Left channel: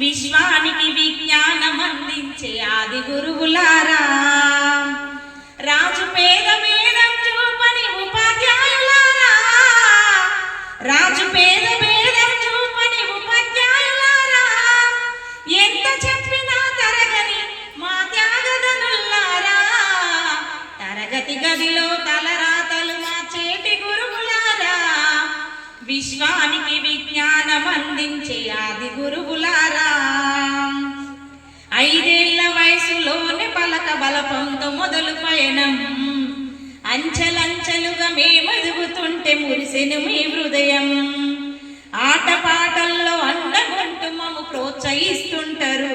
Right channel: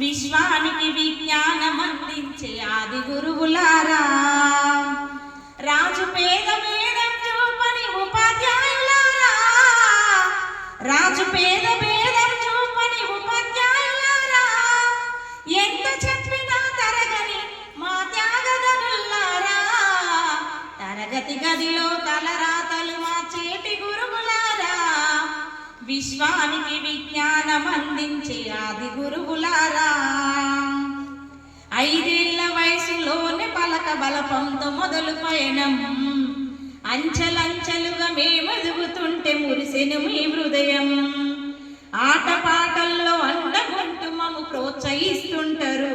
విశ్వానికి విజ్ఞానం అందించే ఆది గురువులారా. రాజు పేద భేదం చూపని ఉపాధ్యాయులారా. రాజు పేద భేదం చూపని ఉపాధ్యాయులారా. ఎంత చెప్పినా తరగని మా త్యాగదనులారా తరగతి గదిలో తలరాతలు మా చేటి గురువులారా. విశ్వానికి విజ్ఞానం మేమెదుగుతుంటే మీ హృదయం. ఆటపాటల్లో అండగొంటూ మమ్ము ప్రోత్సహిస్తుంటారు.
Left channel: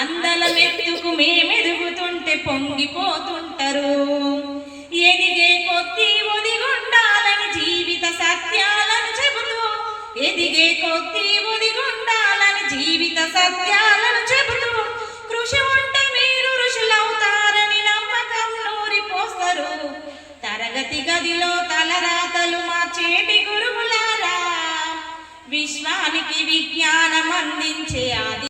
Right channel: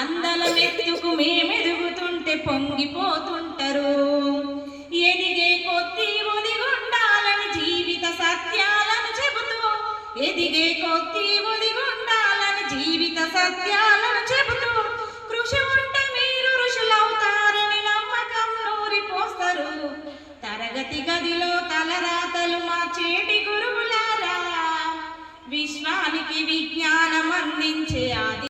అందల మెత్తుకు మేమెదుగుతుంటే పొంగిపోతుంటారు. ఎదిగే కొద్ది ఒదిగుండాలని జీవిత సత్యాలను చెబుతూ ఎదిగే కొద్ది ఒదిగుండాలని జీవిత సత్యాలను చెబుతూ కృషి ఉంటే మీరు ఋషులవుతారని నమ్మకం నూరిపోస్తారు. తరగతి గదిలో తలరాతలు మా చేటి గురువులారా. విశ్వానికి విజ్ఞానం అందించే ఆది